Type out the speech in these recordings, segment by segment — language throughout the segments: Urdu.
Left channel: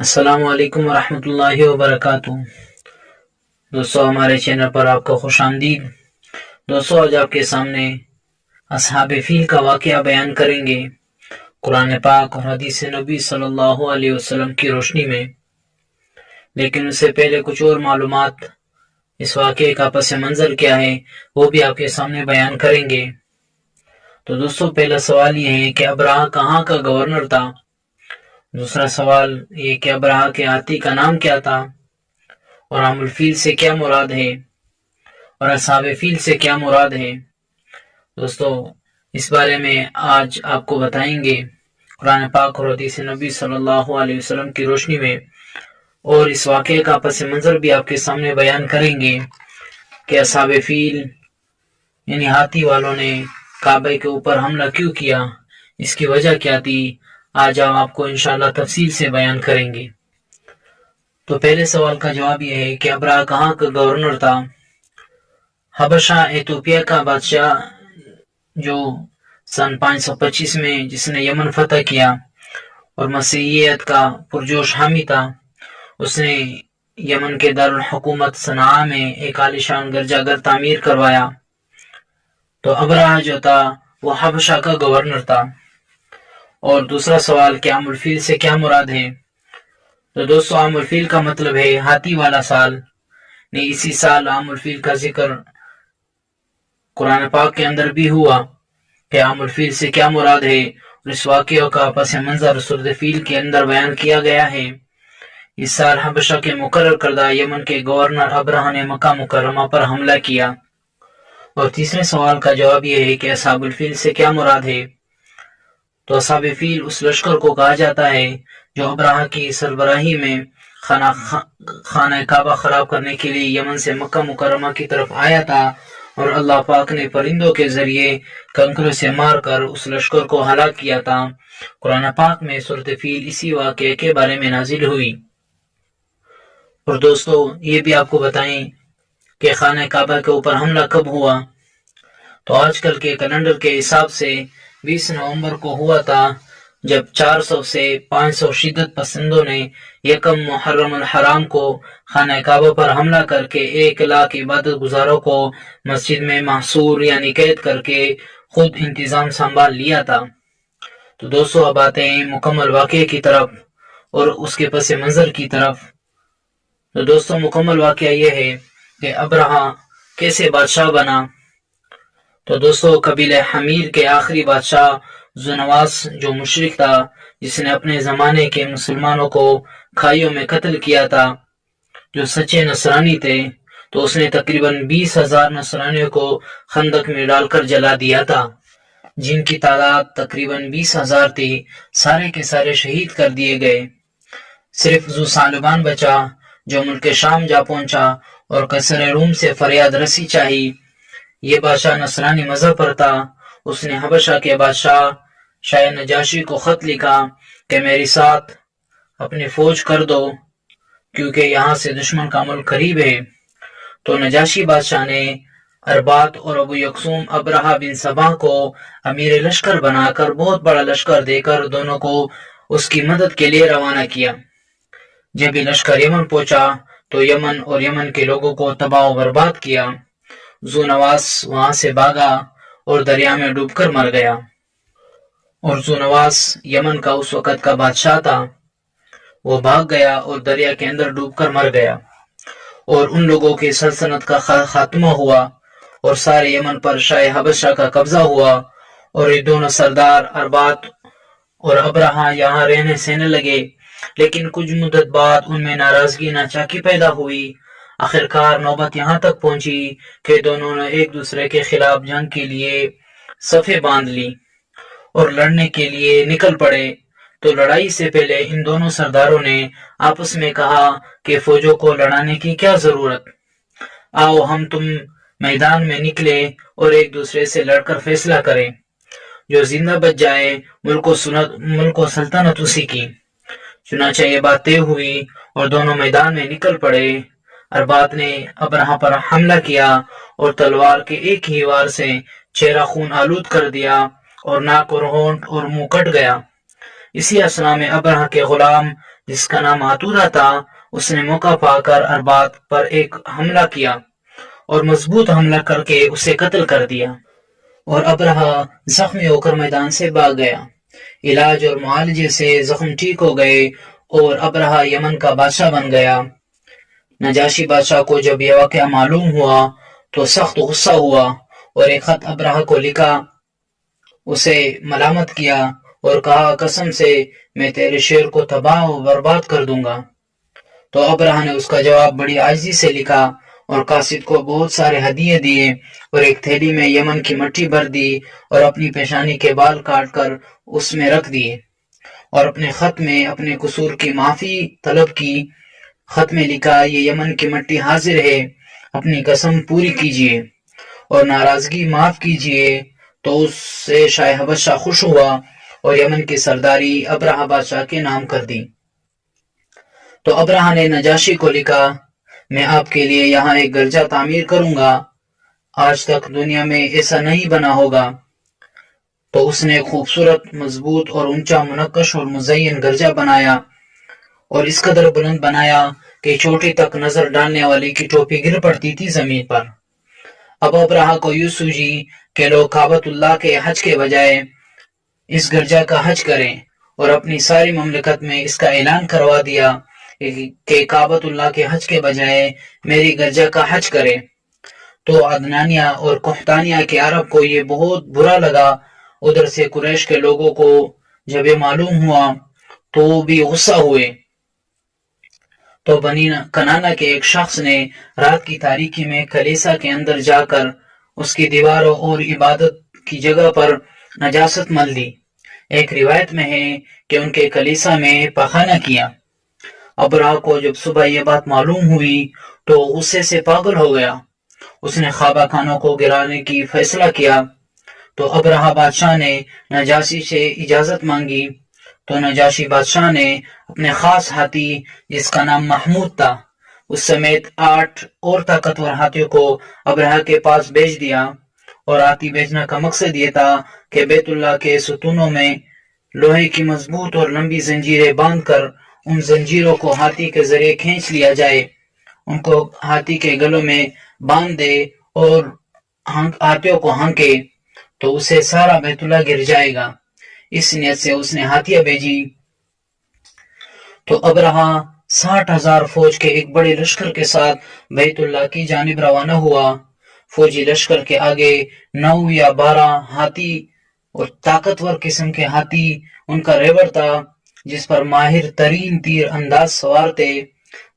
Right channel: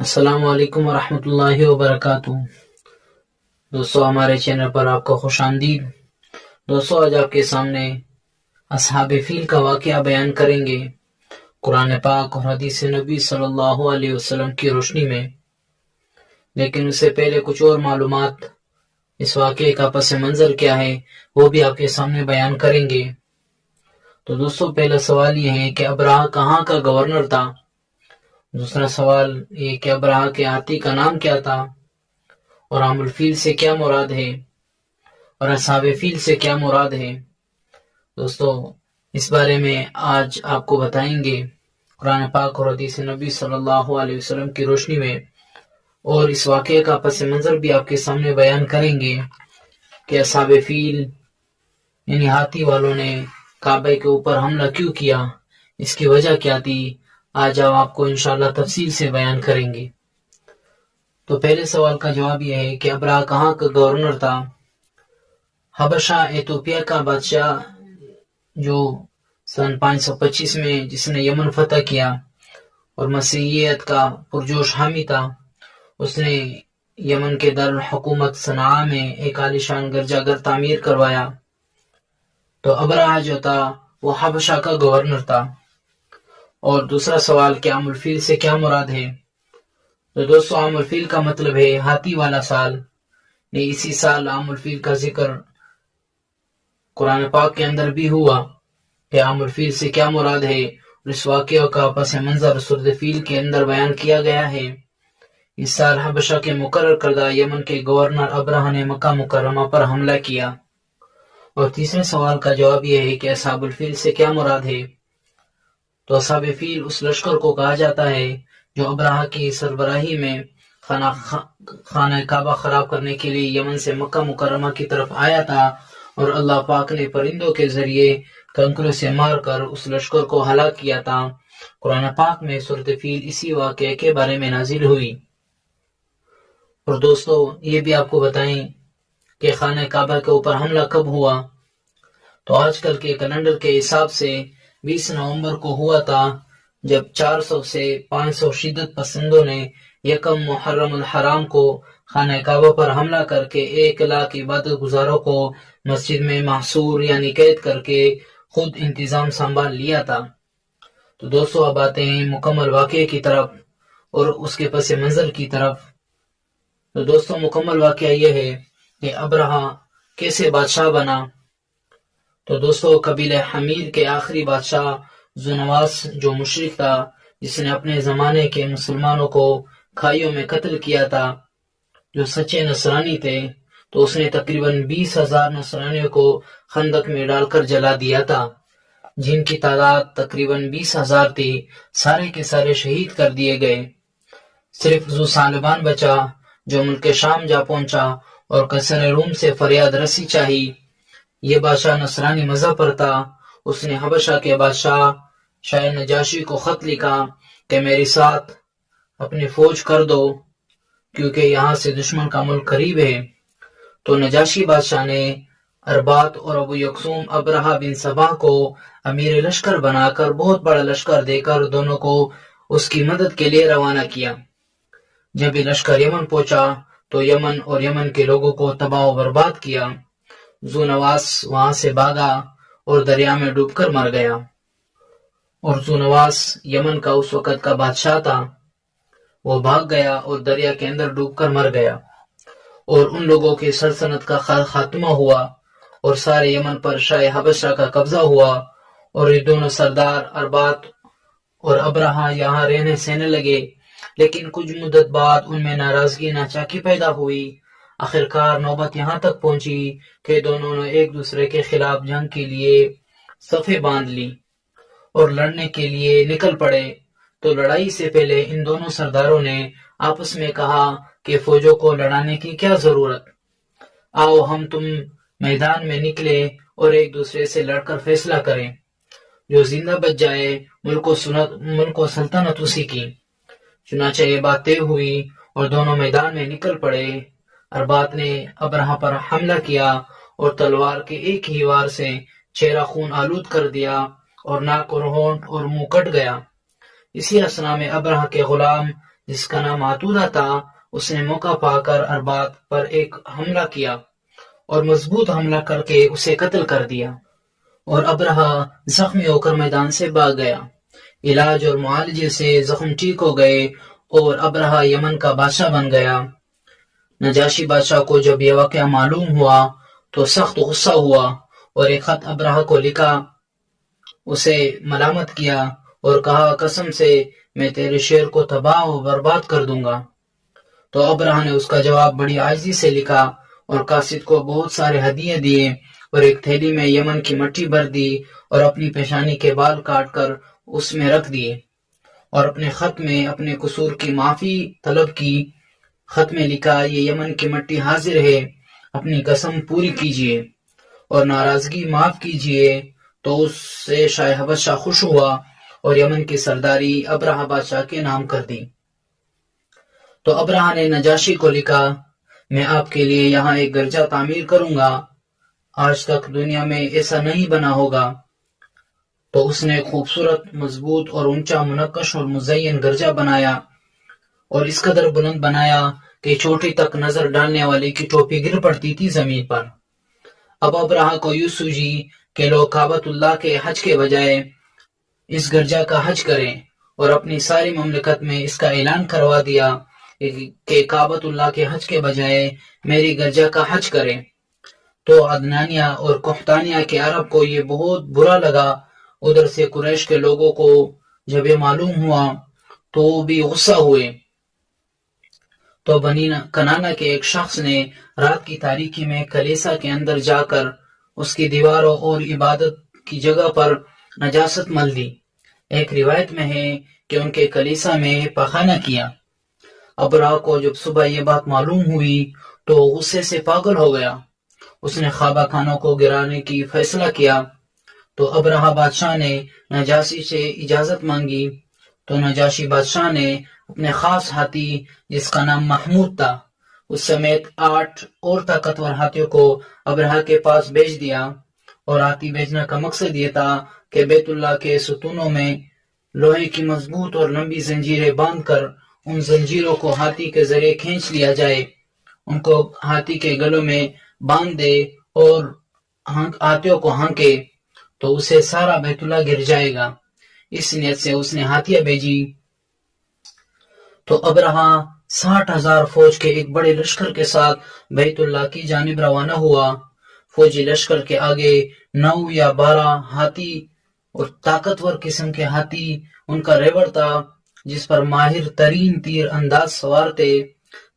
السلام علیکم ورحمۃ اللہ وبرکاتہ۔ دوستو ہمارے چینل پر آپ کا خوش آمدید۔ دوستو آج آپ کے سامنے اصحاب فیل کا واقعہ بیان کریں گے قرآن پاک اور حدیث نبی صلی اللہ علیہ وسلم کی روشنی میں، لیکن اس سے پہلے کچھ اور معلومات، اس واقعے کا پس منظر کیا ہے وہ بھی آپ کے سامنے بیان کریں گے۔ تو دوستو پہلا سوال یہ ہے کہ ابرہہ کہاں کا گورنر تھا؟ دوسرا سوال یہ کہ ابرہہ کے ہاتھی کا نام کیا تھا، اور عام الفیل سے کیا مراد ہے، اور اصحاب فیل سے کیا مراد ہے؟ دوستو اس بارے میں آج آپ کو بتائیں گے قرآن پاک اور حدیث نبی صلی اللہ علیہ وسلم کی روشنی میں، اور اس واقعے کا پس منظر بھی آپ کے سامنے بیان کریں گے کہ اصحاب فیل یعنی ہاتھی والوں نے کعبہ کے اوپر حملہ کیوں کیا، اس کی وجہ کیا تھی، آج ہم آپ کو انشاءاللہ تفصیل سے بیان کریں گے۔ تو پہلے سوال کا جواب یہ ہے کہ ابرہہ کہاں کا گورنر تھا؟ حبشہ ایتھوپیا کا بادشاہ جو سن 525 میں جس نے یمن فتح کیا اور مسیحیت کا پرجوش حامی تھا، اس نے یمن کے دارالحکومت صنعاء میں ایک عالیشان گرجا گھر تعمیر کروایا۔ تو ابرہہ جو تھا وہ حبشہ کا گورنر تھا۔ اور دوسرا سوال کہ عام الفیل سے کیا مراد ہے؟ تو دوستو عام الفیل کا مطلب ہے ہاتھی والا سال، اسی سال عام الفیل کا ذکر قرآن پاک کے اندر بھی ہوا کہ عام الفیل سے کیا مراد ہے، اور اس واقعہ کا پس منظر سورۃ فیل کے اندر بیان کیا گیا ہے۔ اس سال حبشہ کے مقرر کردہ یمن کے گورنر ابرہہ نے مکہ مکرمہ پر حملہ کیا۔ اور تیسرے سوال کا جواب یہ ہے کہ اصحاب الفیل سے کیا مراد ہے؟ تو اصحاب فیل اس لشکر کو کہا جاتا ہے جو ابرہہ کی سربراہی میں خانہ کعبہ خراب کرنے کے لیے یمن سے مکہ مکرمہ کی طرف آیا تھا، اور اللہ پاک نے پرندوں کے ذریعے کنکروں سے مار کر اس لشکر کو ہلاک کیا تھا۔ قرآن پاک میں سورۃ فیل اسی واقعے کے بارے میں نازل ہوئی۔ اور دوستو یہ بھی آپ کو بتائیں کہ خانہ کعبہ کے اوپر حملہ کب ہوا؟ تو آج کل کے کیلنڈر کے حساب سے 20 نومبر کو ہوا تھا، جب 400 سے 500 شدت پسندوں نے یکم محرم الحرام کو خانہ کعبہ پر حملہ کر کے 1 لاکھ عبادت گزاروں کو مسجد میں محصور یعنی قید کر کے خود انتظام سنبھال لیا تھا۔ تو دوستو اب آتے ہیں مکمل واقعے کی طرف اور اس کے پس منظر کی طرف۔ تو دوستو مکمل واقعہ یہ ہے کہ ابرہہ کیسے بادشاہ بنا۔ تو دوستو قبیلہ حمیر کے آخری بادشاہ ذونواس جو مشرک تھا، جس نے اپنے زمانے کے مسلمانوں کو کھائیوں میں قتل کیا تھا، جو سچے نصرانی تھے، تو اس نے تقریباً 20,000 نصرانیوں کو خندق میں ڈال کر جلا دیا تھا، جن کی تعداد تقریباً 20,000 تھی۔ سارے کے سارے شہید کر دیے گئے، صرف ذو ثعلبان بچا جو ملک شام جا پہنچا اور قیصر روم سے فریاد رسی چاہی۔ یہ بادشاہ نصرانی مذہب پر تھا۔ اس نے حبشہ کے بادشاہ شاہ نجاشی کو خط لکھا کہ میرے ساتھ اپنی فوج کر دو، کیونکہ یہاں سے دشمن کا ملک قریب ہے۔ تو نجاشی بادشاہ نے اربات اور ابو یکسوم ابرہہ بن سبا کو امیر لشکر بنا کر بہت بڑا لشکر دے کر دونوں کو اس کی مدد کے لیے روانہ کیا۔ جب یہ لشکر یمن پہنچا تو یمن اور یمن کے لوگوں کو تباہ و برباد کیا۔ ذونواس وہاں سے بھاگا اور دریا میں ڈوب کر مر گیا۔ اور ذونواس یمن کا اس وقت کا بادشاہ تھا، وہ بھاگ گیا اور دریا کے اندر ڈوب کر مر گیا، اور ان لوگوں کی سلطنت کا خاتمہ ہوا، اور سارے یمن پر شاہ حبشہ کا قبضہ ہوا، اور یہ دونوں سردار اربات اور ابرہہ یہاں رہنے سہنے لگے۔ لیکن کچھ مدت بعد ان میں ناراضگی ناچاکی پیدا ہوئی۔ آخرکار نوبت یہاں تک پہنچی کہ دونوں نے ایک دوسرے کے خلاف جنگ کے لیے صفیں باندھ لی اور لڑنے کے لیے نکل پڑے۔ تو لڑائی سے پہلے ان دونوں سرداروں نے آپس میں کہا کہ فوجوں کو لڑانے کی کیا ضرورت، آؤ ہم تم میدان میں نکلے اور ایک دوسرے سے لڑ کر فیصلہ کریں، جو زندہ بچ جائے ملک و سلطنت اسی کی۔ چنانچہ یہ بات طے ہوئی اور دونوں میدان میں نکل پڑے۔ اربات نے ابرہہ پر حملہ کیا اور تلوار کے ایک ہی وار سے چہرہ خون آلود کر دیا، اور ناک اور ہونٹ اور منہ کٹ گیا۔ اسی اسنا میں ابرہہ کے غلام جس کا نام آتودہ تھا، اس نے موقع پا کر اربات پر ایک حملہ کیا اور مضبوط حملہ کر کے اسے قتل کر دیا، اور ابرہہ زخمی ہو کر میدان سے بھاگ گیا۔ علاج اور معالجے سے زخم ٹھیک ہو گئے اور ابرہہ یمن کا بادشاہ بن گیا۔ نجاشی بادشاہ کو جب یہ واقعہ معلوم ہوا تو سخت غصہ ہوا اور ایک خط ابرہہ کو لکھا، اسے ملامت کیا اور کہا، قسم سے میں تیرے شہر کو تباہ و برباد کر دوں گا۔ تو ابرہہ نے اس کا جواب بڑی عاجزی سے لکھا اور قاصد کو بہت سارے ہدیے دیے اور ایک تھیلی میں یمن کی مٹی بھر دی اور اپنی پیشانی کے بال کاٹ کر اس میں رکھ دیے، اور اپنے خط میں اپنے قصور کی معافی طلب کی۔ خط میں لکھا، یہ یمن کی مٹی حاضر ہے، اپنی قسم پوری کیجیے اور ناراضگی معاف کیجیے۔ تو اس سے شاہ حبشہ خوش ہوا اور یمن کی سرداری ابرہہ بادشاہ کے نام کر دی۔ تو ابرہہ نے نجاشی کو لکھا، میں آپ کے لیے یہاں ایک گرجا تعمیر کروں گا، آج تک دنیا میں ایسا نہیں بنا ہوگا۔ تو اس نے خوبصورت، مضبوط اور اونچا، منقش اور مزین گرجا بنایا اور اس قدر بلند بنایا کہ چوٹی تک نظر ڈالنے والے کی ٹوپی گر پڑتی تھی زمین پر۔ اب ابرہہ کو یوں سوجی کہ لوگ کعبۃ اللہ کے حج کے بجائے اس گرجا کا حج کریں، اور اپنی ساری مملکت میں اس کا اعلان کروا دیا کہ کعبۃ اللہ کے حج کے بجائے میری گرجا کا حج کرے۔ تو عدنانیہ اور قحطانیہ کے عرب کو یہ بہت برا لگا۔ ادھر سے قریش کے لوگوں کو جب یہ معلوم ہوا تو وہ بھی غصہ ہوئے۔ تو بنی کنانہ کے ایک شخص نے رات کی تاریکی میں کلیسا کے اندر جا کر اس کی دیواروں اور عبادت کی جگہ پر نجاست مل دی۔ ایک روایت میں ہے کہ ان کے کلیسا میں پاخانہ کیا۔ ابرہہ کو جب صبح یہ بات معلوم ہوئی تو غصے سے پاگل ہو گیا۔ اس نے خوابہ خانوں کو گرانے کی فیصلہ کیا۔ تو ابرہہ بادشاہ نے نجاشی سے اجازت مانگی۔ تو نجاشی بادشاہ نے اپنے خاص ہاتھی جس کا نام محمود تھا، اس سمیت 8 اور طاقتور ہاتھیوں کو ابرہہ کے پاس بھیج دیا، اور ہاتھی بھیجنے کا مقصد یہ تھا کہ بیت اللہ کے ستونوں میں لوہے کی مضبوط اور لمبی زنجیریں باندھ کر ان زنجیروں کو ہاتھی کے ذریعے کھینچ لیا جائے، ان کو ہاتھی کے گلوں میں باندھ دے اور ہاتھیوں کو ہانکے تو اسے سارا بیت اللہ گر جائے گا۔ اس نیت سے اس نے ہاتھیاں بھیجی۔ تو ابرہہ 60,000 فوج کے ایک بڑے لشکر کے ساتھ بیت اللہ کی جانب روانہ ہوا۔ فوجی لشکر کے آگے 9 یا 12 ہاتھی اور طاقتور قسم کے ہاتھی ان کا ریوڑ تھا، جس پر ماہر ترین تیر انداز سوار تھے۔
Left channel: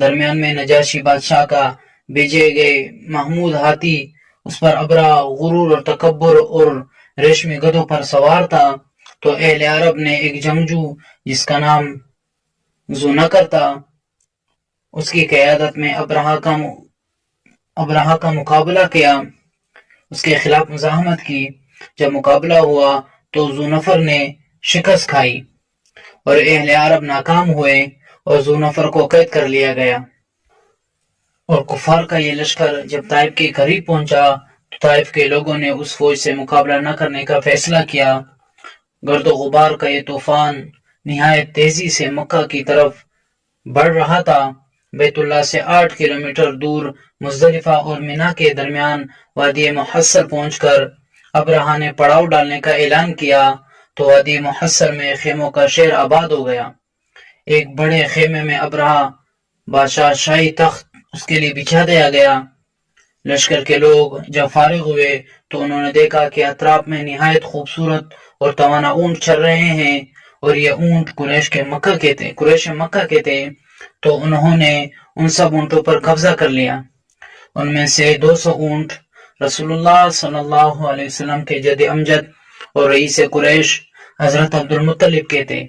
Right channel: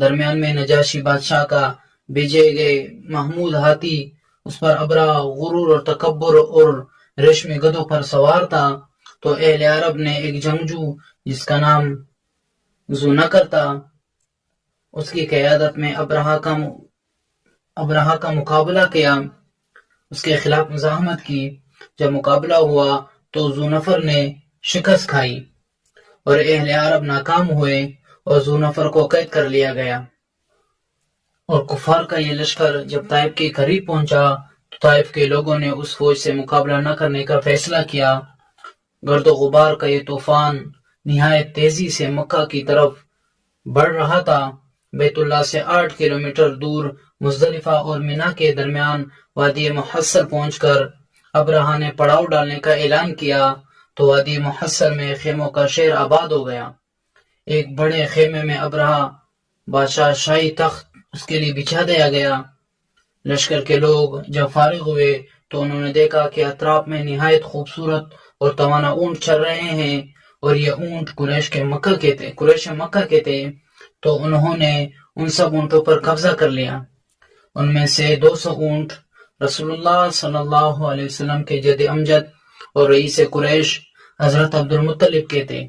درمیان میں نجاشی بادشاہ کا بھیجے گئے محمود ہاتھی، اس پر ابرہہ غرور اور تکبر اور ریشمی گدھوں پر سوار تھا۔ تو اہل عرب نے ایک جنگجو جس کا نام ذونکر تھا، اس کی قیادت میں ابرہہ کا مقابلہ کیا، اس کے خلاف مزاحمت کی۔ جب مقابلہ ہوا تو ذونفر نے شکست کھائی اور اہل عرب ناکام ہوئے اور ذونفر کو قید کر لیا گیا۔ اور کفار کا یہ لشکر جب طائف کے قریب پہنچا تو طائف کے لوگوں نے اس فوج سے مقابلہ نہ کرنے کا فیصلہ کیا۔ گرد و غبار کا یہ طوفان نہایت تیزی سے مکہ کی طرف بڑھ رہا تھا۔ بیت اللہ سے 8 کلومیٹر دور مزدلفہ اور منا کے درمیان وادی محصر پہنچ کر ابرہہ نے پڑاؤ ڈالنے کا اعلان کیا۔ تو وادی محصر میں خیموں کا شہر آباد ہو گیا۔ ایک بڑے خیمے میں ابرہہ بادشاہ شاہی تخت اس کے لیے بچھا دیا گیا۔ لشکر کے لوگ جب فارغ ہوئے تو انہوں نے دیکھا کہ اطراف میں نہایت خوبصورت اور توانا اونٹ چل رہے ہیں، اور یہ اونٹ قریش مکہ کے تھے۔ تو انہوں نے ان سب اونٹوں پر قبضہ کر لیا۔ ان میں سے 200 اونٹ رسول اللہ صلی اللہ علیہ وسلم کے جد امجد اور رئیس قریش حضرت عبد المطلب کے تھے۔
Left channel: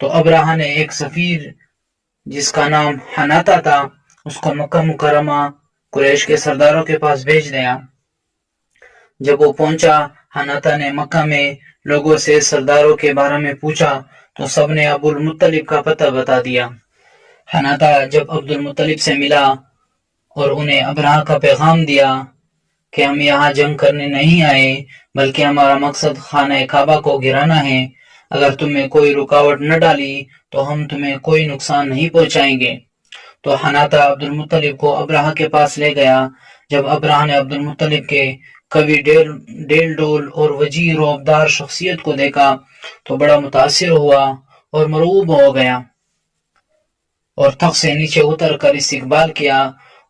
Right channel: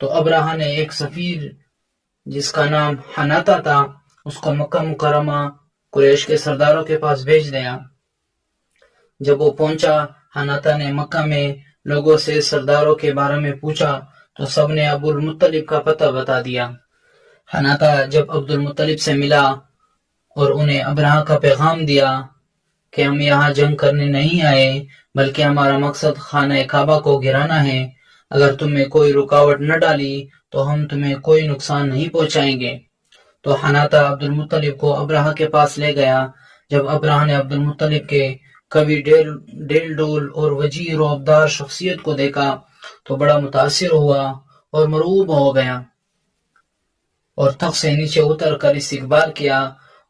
تو ابرہہ نے ایک سفیر جس کا نام حناطہ تھا، اس کو مکہ مکرمہ قریش کے سرداروں کے پاس بھیج دیا۔ جب وہ پہنچا، حناطہ نے مکہ میں لوگوں سے سرداروں کے بارے میں پوچھا تو سب نے ابو المطلب کا پتہ بتا دیا۔ حناطہ جب عبد المطلب سے ملا اور انہیں ابرہہ کا پیغام دیا کہ ہم یہاں جنگ کرنے نہیں آئے بلکہ ہمارا مقصد خانہ کعبہ کو گرانا ہے، اگر تم میں کوئی رکاوٹ نہ ڈالی تو ہم تمہیں کوئی نقصان نہیں پہنچائیں گے۔ تو حناطہ عبد المطلب کو ابرہہ کے پاس لے گیا۔ جب ابرہہ نے عبد المطلب کے قوی ڈیل ڈول اور وجیح رعبدار شخصیت کو دیکھا تو بڑا متاثر ہوا اور مرعوب ہو گیا، اور تخت سے نیچے اتر کر استقبال کیا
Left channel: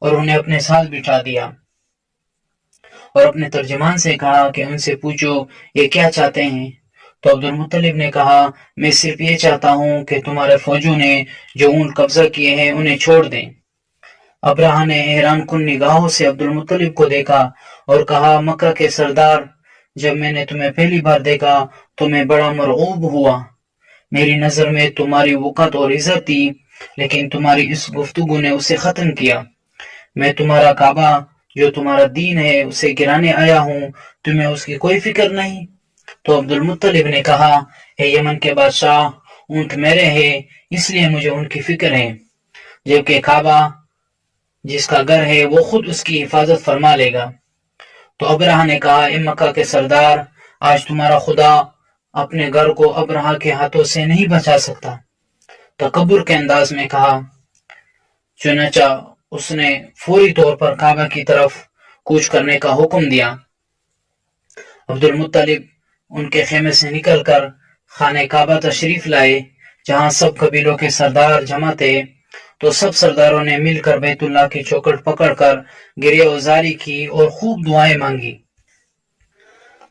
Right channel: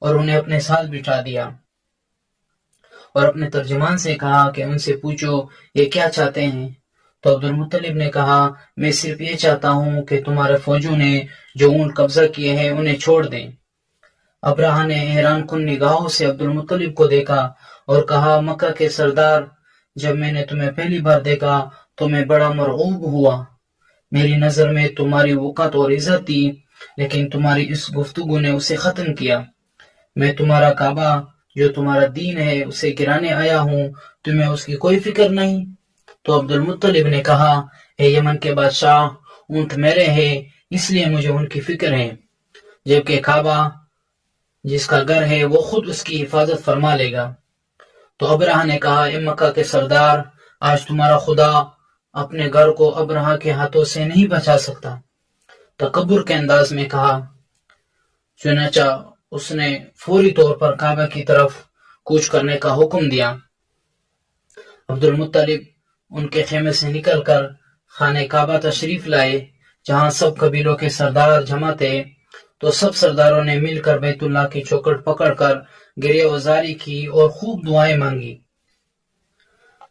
اور انہیں اپنے ساتھ بٹھا دیا، اور اپنے ترجمان سے کہا کہ ان سے پوچھو یہ کیا چاہتے ہیں۔ تو عبد المطلب نے کہا میں صرف یہ چاہتا ہوں کہ تمہارے فوجوں نے جو اونٹ قبضہ کیے ہیں انہیں چھوڑ دیں۔ ابرہہ نے حیران کن نگاہوں سے عبد المطلب کو دیکھا اور کہا مکہ کے سردار، جب میں نے تمہیں پہلی بار دیکھا تو میں بڑا مرعوب ہوا۔ میری نظر میں تمہاری وقت اور عزت تھی، لیکن تمہاری اس گفتگو نے اسے ختم کیا۔ میں تمہارا کعبہ جو تمہارا دین ہے اسے گرانے آیا ہوں، تمہیں اس کی کوئی فکر نہیں؟ تو عبد المطلب نے کہا اے یمن کے بادشاہ، اونٹ میرے ہیں اس لیے مجھے ان کی فکر ہے، جبکہ کعبہ جس کا گھر ہے وہ خود اس کی حفاظت فرما لے گا۔ تو ابرہہ نے کہا اے مکہ کے سردار، آج تمہارا خدا اپنے گھر کو ابرہہ کے ہاتھوں سے نہیں بچا سکتا۔ تکبر کے انداز میں کہا۔ چنانچہ اس نے فوری طور پر کعبہ کی طرف کوچ کرنے کا حکم دیا۔ عبد المطلب ان کے خیمے سے نکل کر خانہ کعبہ تشریف لائے، جہاں سب قبیلوں کے سردار جمع تھے۔ تو سب سرداروں نے مل کر بیت اللہ کی چوکھٹ پکڑ کر گریہ وزاری کی اور خوب دعائیں مانگی۔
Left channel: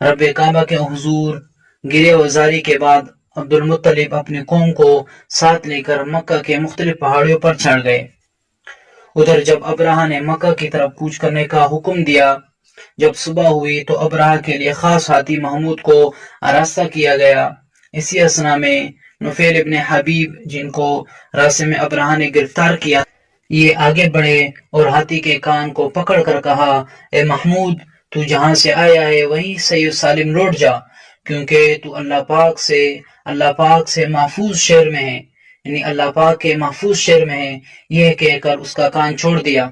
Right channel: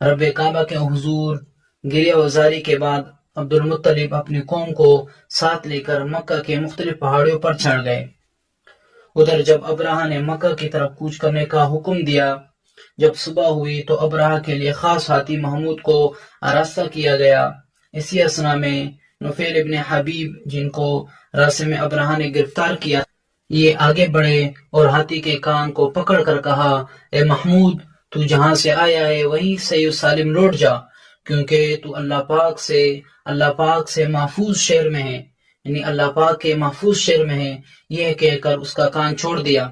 رب کعبہ کے حضور گریہ وزاری کے بعد عبد المطلب اپنی قوم کو ساتھ لے کر مکہ کے مختلف پہاڑیوں پر چڑھ گئے۔ ادھر جب ابرہہ نے مکہ کی طرف کوچ کرنے کا حکم دیا، جب صبح ہوئی تو ابرہہ کے لیے خاص ہاتھی محمود کو آراستہ کیا گیا۔ اسی اثنا میں نفیل ابن حبیب، جن کو راستے میں ابرہہ نے گرفتار کیا، یہ آگے بڑھے اور ہاتھی کے کان کو پکڑ کر کہا اے محمود، تو جہاں سے آیا ہے وہیں صحیح سالم لوٹ جا، کیونکہ تو اللہ پاک سے محفوظ شہر میں ہے، یعنی اللہ پاک کے محفوظ شہر میں ہے۔ یہ کہہ کر اس کا کان چھوڑ دیا۔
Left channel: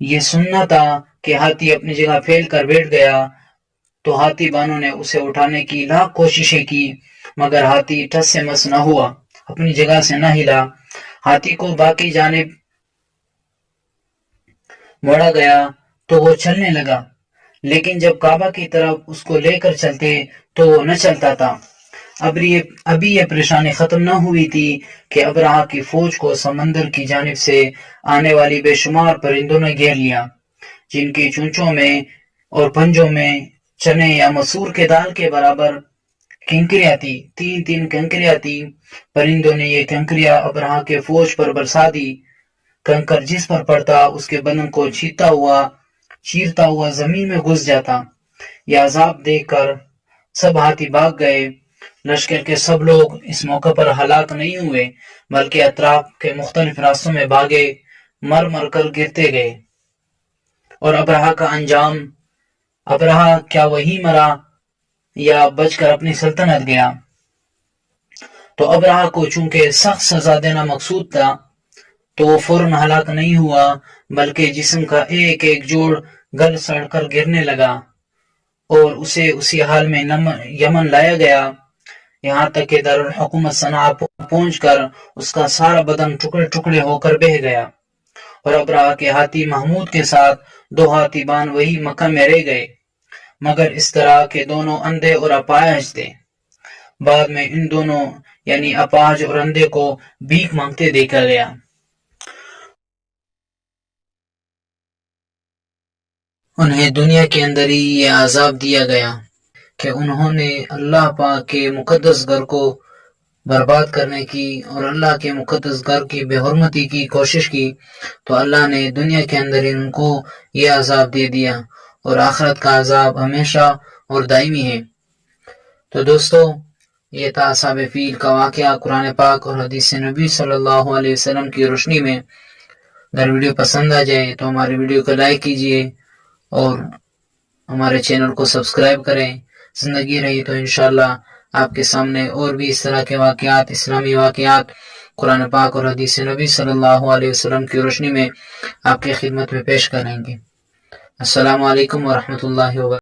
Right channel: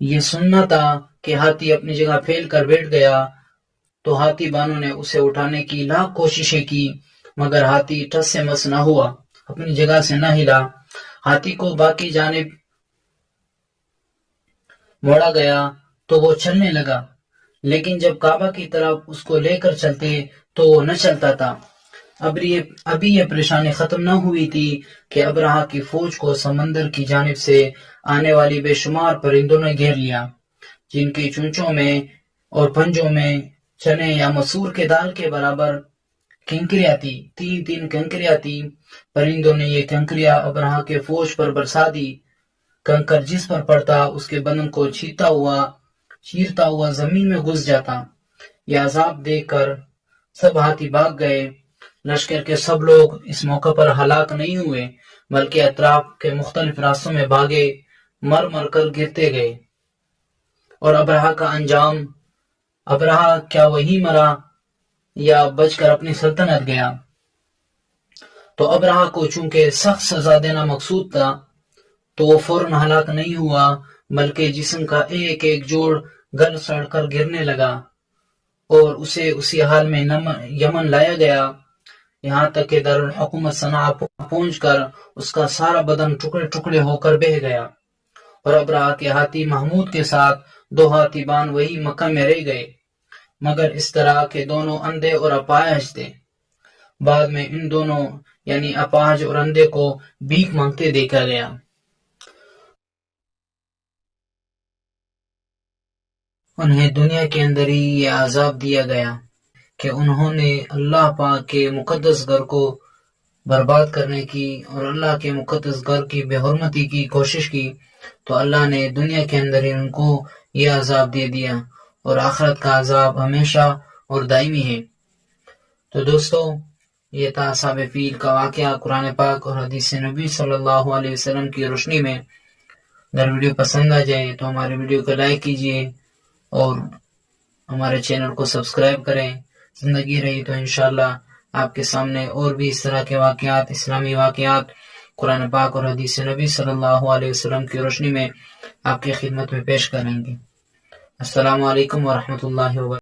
یہ سننا تھا کہ ہاتھی اپنی جگہ پھیل کر بیٹھ گیا، تو ہاتھی بانوں نے اسے اٹھانے کی لاکھ کوششیں کی، مگر ہاتھی ٹس سے مس نہ ہوا، اپنی جگہ سے نہ ہلا۔ ہاتھی کو باقی جانب موڑا گیا تو وہ چلنے لگا، لیکن جب کعبہ کی طرف اس کو لے کر چلتے تو وہ نہ چلتا تھا۔ ابھی یہ پریشانی ختم نہ ہوئی تھی کہ ابرہہ کی فوج کو سمندر کی جانب سے آنے والی بے شمار پرندوں نے گھیر لیا، جن کی چونچوں میں اور پنجوں میں چنے یا مسور کے دال کے برابر کنکریاں تھی، تین کنکریاں تھی۔ پرندوں نے یہ کنکریاں ابرہہ کے فوج پر برسا دی۔ کنکر جس پر پڑتا اس کے بدن کو چیرتا ہوا زمین میں گھس جاتا۔ یہ عذاب دیکھ کر سب ہاتھی بھاگ گئے۔ لشکر کے سب لوگ اس موقع پر ہلاک نہیں ہوئے، بلکہ اطراف کے مختلف راستوں میں بھاگے، مر کر گرتے گئے۔ اور ابرہہ کا انجام، ابرہہ کیا وہی مرا یا بچ کر اپنی سلطنت گیا؟ تو ابرہہ کو چونکہ سخت سزا دینا مقصود تھا، تو وہ فوراً ہلاک نہیں ہوا، بلکہ جسم کا ایک ایک جوڑ گل سڑ کر گرنے لگا، اور اسے اسی حال میں یمن لایا گیا، یہاں تک کہ دارالحکومت صنعاء پہنچ کر اس کا سارا بدن ٹکڑے ٹکڑے ہو کر بہہ گیا، اور ابرہہ کے ہاتھی محمود کے ساتھ 2 ہاتھی بان وہی مکہ میں رہ گئے، مگر اس طرح کہ دونوں اندھے اور اپاہج تھے۔ بعد میں ان دونوں یعنی اپاہج اور اندھے کو بھیک مانگتے دیکھا گیا۔ انہیں دنیا کے اندر ہی یہ عذاب دیا گیا کہ انہوں نے اللہ پاک کے مقدس گھر کو برباد کرنے کی اور اللہ کے مقدس گھر کی بے حرمتی کی کوشش کی، تو اللہ نے دنیا کے اندر ہی ان کو یہ عذاب دے دیا، اور آخرت کا عذاب ہمیشہ اور دائمی ہے۔ تو دوستو، یہ تھا اصحاب فیل کا واقعہ قرآن پاک اور حدیث نبی صلی اللہ علیہ وسلم کی روشنی میں۔ اگر ویڈیو پسند آ جائے تو ہمارے ویڈیو کو لائک کیجئے اور ہمارے چینل کو سبسکرائب کریں۔ زندگی رہی تو انشاءاللہ آپ کے سامنے اور بھی اس طرح کے واقعات، اسلامی واقعات قرآن پاک اور حدیث نبی صلی اللہ علیہ وسلم کی روشنی میں آپ کی خدمت میں پیش کریں گے۔ السلام علیکم ورحمۃ اللہ وبرکاتہ۔